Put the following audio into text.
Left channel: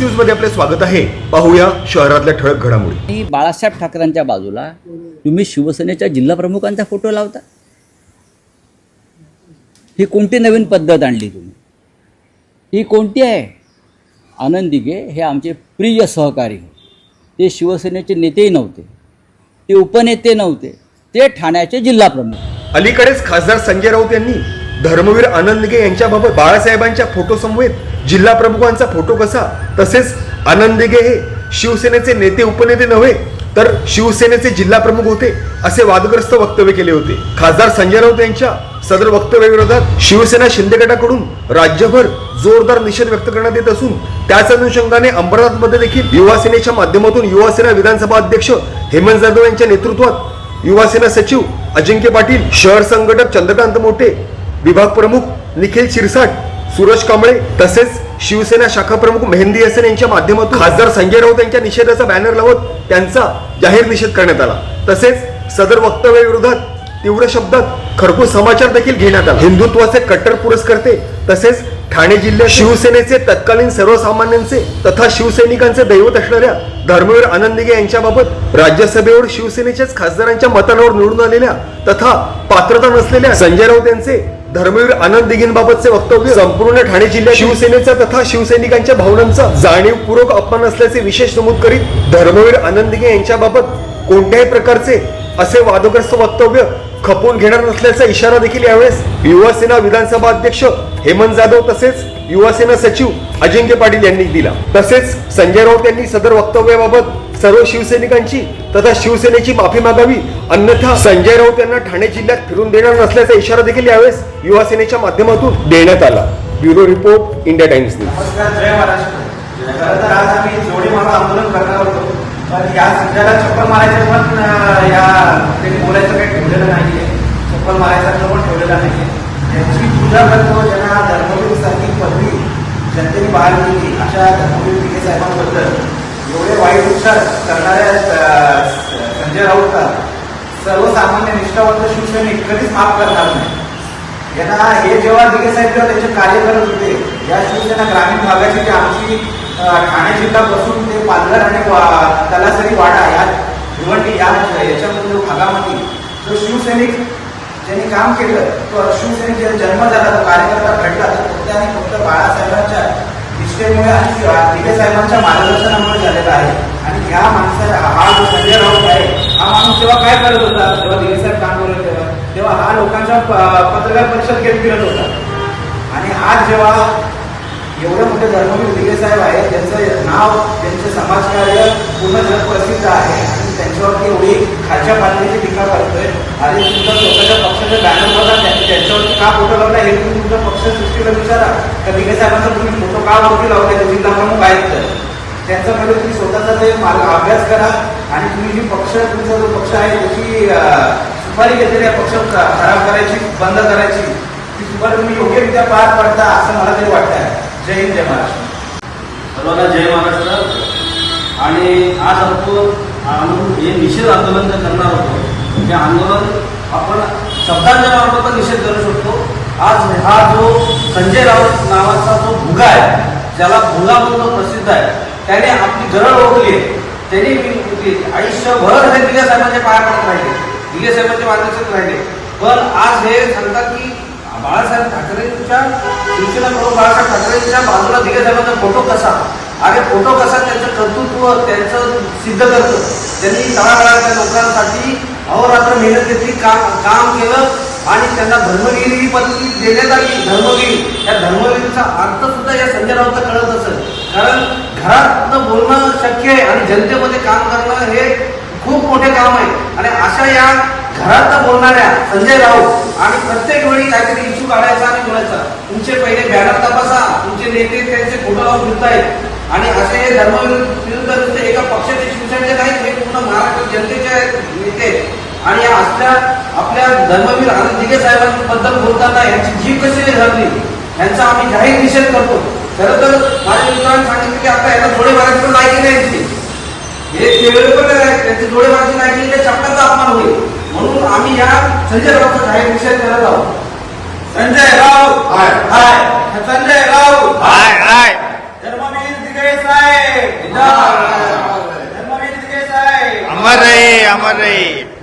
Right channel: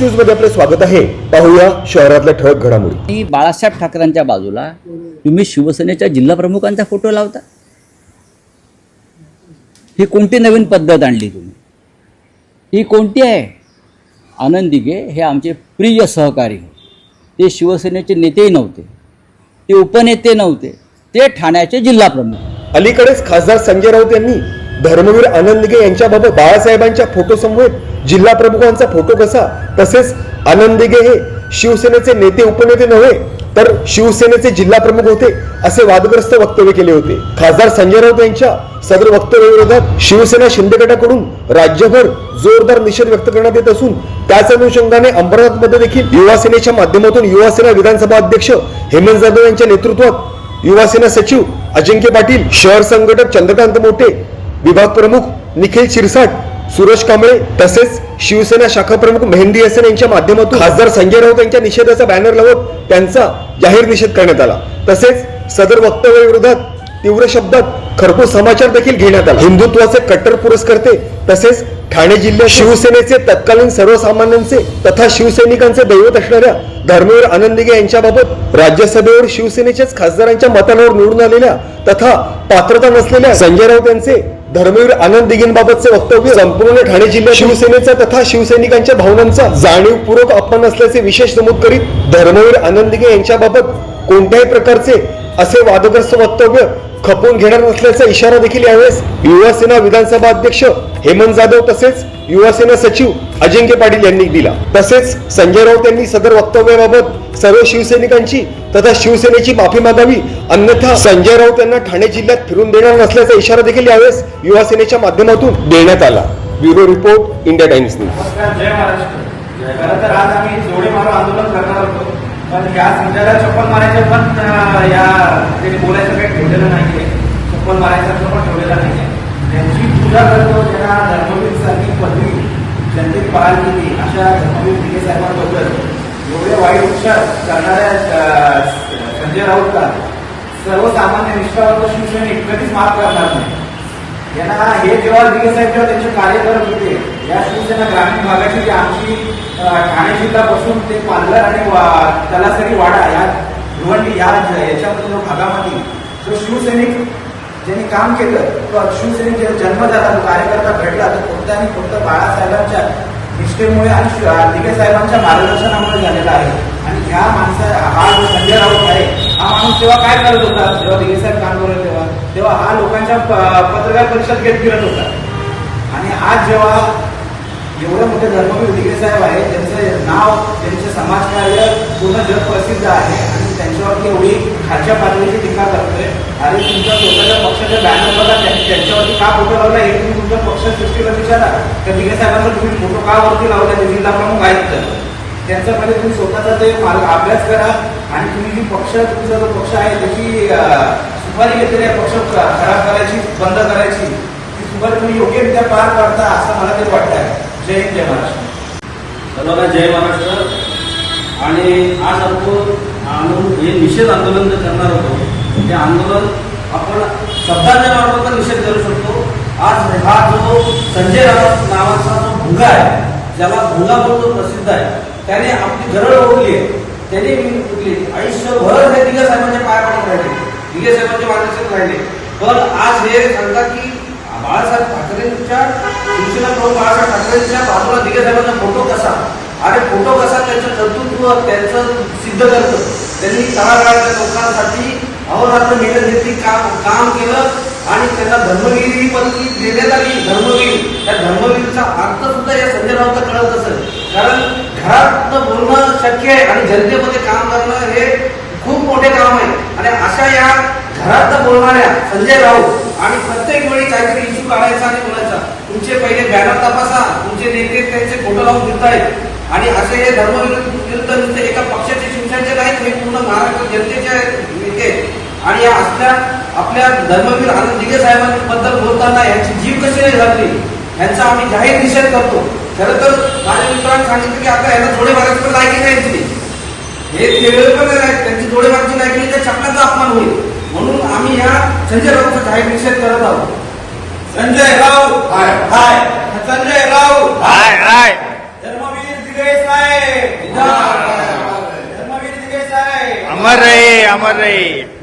न्यूजमध्ये आपले स्वागत आहे. पाहूया शहरातल्या ठळक घडामोडी. आणि बाळासाहेब ठाकरेंच्या बाजूला तुम्ही शिवसेनेच्या जिल्हा प्रमुखांचा फोटो लावता? ही कोणती नवीन पद्धत आणली तुम्ही? ही कोणती आहे? आनंद दिघे हे आमचे प्रिय सहकारी ते शिवसेनेचे नेतेही नव्हते. ते उपनेते नव्हते. ते ठाण्याचे जिल्हा प्रमुख अलीकडेच खासदार संजय राऊत यांनी धर्मवीर आनंदगे यांच्याबाबत बाळासाहेबांच्या फोटोसमवेत जिल्हा प्रमुखांचा फोटो कसा? तसेच आनंदगे हे शिवसेनेचे नेते उपनेते नव्हे तर शिवसेनेचे जिल्हा प्रमुख होते असे वादग्रस्त वक्तव्य केले होते. खासदार संजय राऊत यांच्या सदर वक्तव्याविरोधात शिवसेना शिंदे गटाकडून राज्यभर जोरदार निषेध व्यक्त करण्यात येत असून त्याच अनुषंगाने अंबरनाथमध्ये देखील युवासेनेच्या माध्यमातून युवासेना विधानसभा अध्यक्ष हेमंत जाधव यांच्या नेतृत्वात युवासेना सचिव अजिंक्य पाटील शहर संघटक चंद्रकांत मोठे विभाग प्रमुख निखिल शिरसाट सुरेश कांबळे तसेच शिवसेना शाखा प्रमुख मेहंदी हसन यांच्या माध्यमातून खासदार संजय राऊत यांच्या निषेधाचा बॅनर लावत त्यांचा जाहीर निषेध करण्यात आला. तसेच सदर वक्तव्याविरोधात तीव्र शब्दात खरपूस समाचार देखील घेण्यात आला. हिंदुत्वाचे कट्टर पुरस्कर्ते तसेच ठाणे जिल्ह्यात शिवसेनेचे तत्कालीन सर्वसामान्यांचे तथा शिवसैनिकांचे दैवत असणाऱ्या धर्मवीर आनंदिगे यांच्याबाबत राज्यसभेवर शिवसेनेच्याच खासदारांच्या मतांवर निवडून आलेल्या तथा पात्रता नसलेल्या संजय राऊत यांचे धर्मवीर आनंद दिघेंबाबतचे वक्तव्य संपूर्ण ठाणे जिल्ह्यात शिवसेनेचा तथा शिवसैनिकांच्या भावनांचा जाणीवपूर्वक अपमान असल्याचे विशेष नमूद करीत धर्मवीर आनंद दिघे यांच्याबाबत कोणत्याही प्रकारचे असे वादग्रस्त वक्तव्य खपवून घेणार नसल्याचा इशारा देखील यावेळेस युवासेना विधानसभा अध्यक्ष हेमंत जाधव तसेच युवासेना सचिव अजिंक्य पाटील यांनी दिला. तसेच संजय राऊत यांनी सदर वक्तव्याबाबत सर्व शिवसैनिकांची तथा शिवसेनेची माफी मागावी अन्यथा संजय राऊत यांना ठाणे जिल्ह्यात फिरून देणार नसल्याचा इशारा देखील यावेळेस युवा सेनेच्या माध्यमातून देण्यात आला. Bureau report India Times news. नमस्कार जय महाराष्ट्र. खरं तर आज आम्ही जोडे मारून आंदोलन करणार होतो. पण या संध्याला चप्पल मारायचं पण या ते बोलायचं काही ठेवलेलं नाहीये. चप्पल मारायचं पण ठेवलेलं नाहीये. त्यांची पूजा करतो ज्यांना धर्मवीरसारखी पदवी जनतेने बहाल केली अशा धर्मवीर दिघे साहेबांबद्दल. एवढे वाईट उपचार करणाऱ्या संजय राऊतचा सर्वसामान्य निष्ठावंत शिवसैनिक कधीच माफ करणार नाही. यांना हे जेव्हा दिगे साहेब जेव्हा त्यांचे कार्य करत होते या शिवसेना ग्रामीण भागाची जी आमची ठाणे जिल्ह्यापासून ते पालघर आणि तलासरी वाडा या भिवंडी या याच्यामध्ये भागामध्ये जो शिवसैनिक ज्यांनी काम केलं तो शिवसैनिक ज्या जन्म झाला तो कार्यकर्ता घडला तो फक्त आणि फक्त बाळासाहेबांच्या निष्ठेमुळे आणि शि- दिगे साहेबांच्या मार्गदर्शनामुळे झालेला आहे. आणि ह्या माणसा हा जो संजय राऊत आहे हा माणूस तेव्हा काय करत होता जेव्हा दिगे साहेब काम करत तेव्हा तेव्हा हा लोकांच्या प- पत्रकार परिषद घेत फिरत होता. आणि आज जेव्हा एवढं मोठे धर्मवीर दिगे साहेब आहे त्यांचं नाव त्यांचे समाजकार्य पूर्ण जग प्रसिद्ध आहे आणि त्यांच्यावरती एवढी खालच्या पातळीची टीका करतोय. आणि तुमच्या स्वतःच्या पक्षाच्या बॅनर बघा त्यांनी त्यांच्यावरती का फोटो लावला? हे तुम्ही तुमच्या पक्षसृष्टीला विचारा. तर दिगे साहेबांचा तुम्ही फोटो का वरती लावले? जिल्हा प्रमुख आहेत. तर त्यांच्यामध्ये तुम्ही स्वतःचा ते मार्ग अभ्यास करा. आणि तुम्ही जी पक्ष तुमचा जो पक्ष आहे त्याची सुपारी घेतलेल्या पक्ष खराब करायची बंद करायची ती सुपारी तुम्ही योग्यरित्या पार पडता असं मला तरी वाटतंय. जय हिंद जय महाराष्ट्र. सर्वांना जय महाराष्ट्र. आणि आज आपण आंदोलन हे निषेध आंदोलन जे करणार होतो हे आंदोलन आपण शब्दांच्या मार्फत निषेध करू शकतो. आज हा जो संजय राऊत नावाचा जो भुगा आहे ज्याला भुगा म्हणून जो प्रसिद्ध आहे त्याने आपली गरज ओढली आहे. त्यांनी विकली. आयुष्यभर हे दिगे साहेबांच्या पाया पडत राहिले. दिगे साहेबांचे मार्गदर्शक राहिले. पण आज हे सांगतात की बाळासाहेब ठाकरेंच्या शिवसेना प्रमुख बाळासाहेब ठाकरेंच्या बाजूला दिगे साहेबांचा फोटो कसा? आणि फोटो कसा? त्यांचं कर्तृत्व त्यांचं सिद्ध करतं त्यांनी तळागाळाच्या लोकांसाठी अहोरात्र मेहनत घेतली काम काम केलं आणि त्यांना धर्मगिरी ही पदवी देण्यात आली धर्मगिरी त्या धर्मगिरीचा अर्थ सुद्धा या संजय राऊत कळत असेल. कारण घरातनं बोलणं शक्य आहे आणि जनतेमध्ये काम करणं हे खूप मोठे काम आहे. आणि अशा या घरात बोलणाऱ्या संजय राऊत आणि प्रत्येक वेळी काहीतरी इश्यू काढायचा आणि बोलायचा तुमचे पहिले बॅनर तपासा तुमचे नेते त्यांचे फोटो लावून घेतायत आणि असे हे धर्मविरुद्ध नुसते एका पक्षाचे शिवसेनेचे नाहीत हे पूर्ण महाराष्ट्र जनतेचे नेते आणि या असल्या आपल्या धर्मवीर आनंद दिघे साहेबांबद्दल बोलताना यांची जीव कशी झाली? यांचा आम्ही जाहीर निषेध करतो. खरं तर माझ्या मित्रांनी सांगितलं की आता यांना थोडे मारायची पण लायकी नाही यांची हे केलेले पण नाही त्यांची थोडे मारायची लायकी ते चपलाचा अपमान होईल. म्हणून आम्ही या संजय राऊतचा जाहीर निषेध करत आहोत. संजय राऊत. हाय. हाय. संजय राऊत. हाय हाय. धर्मवीर दिगे साहेब. धर्मवीर साहेब. अमर रहे अमर रहे.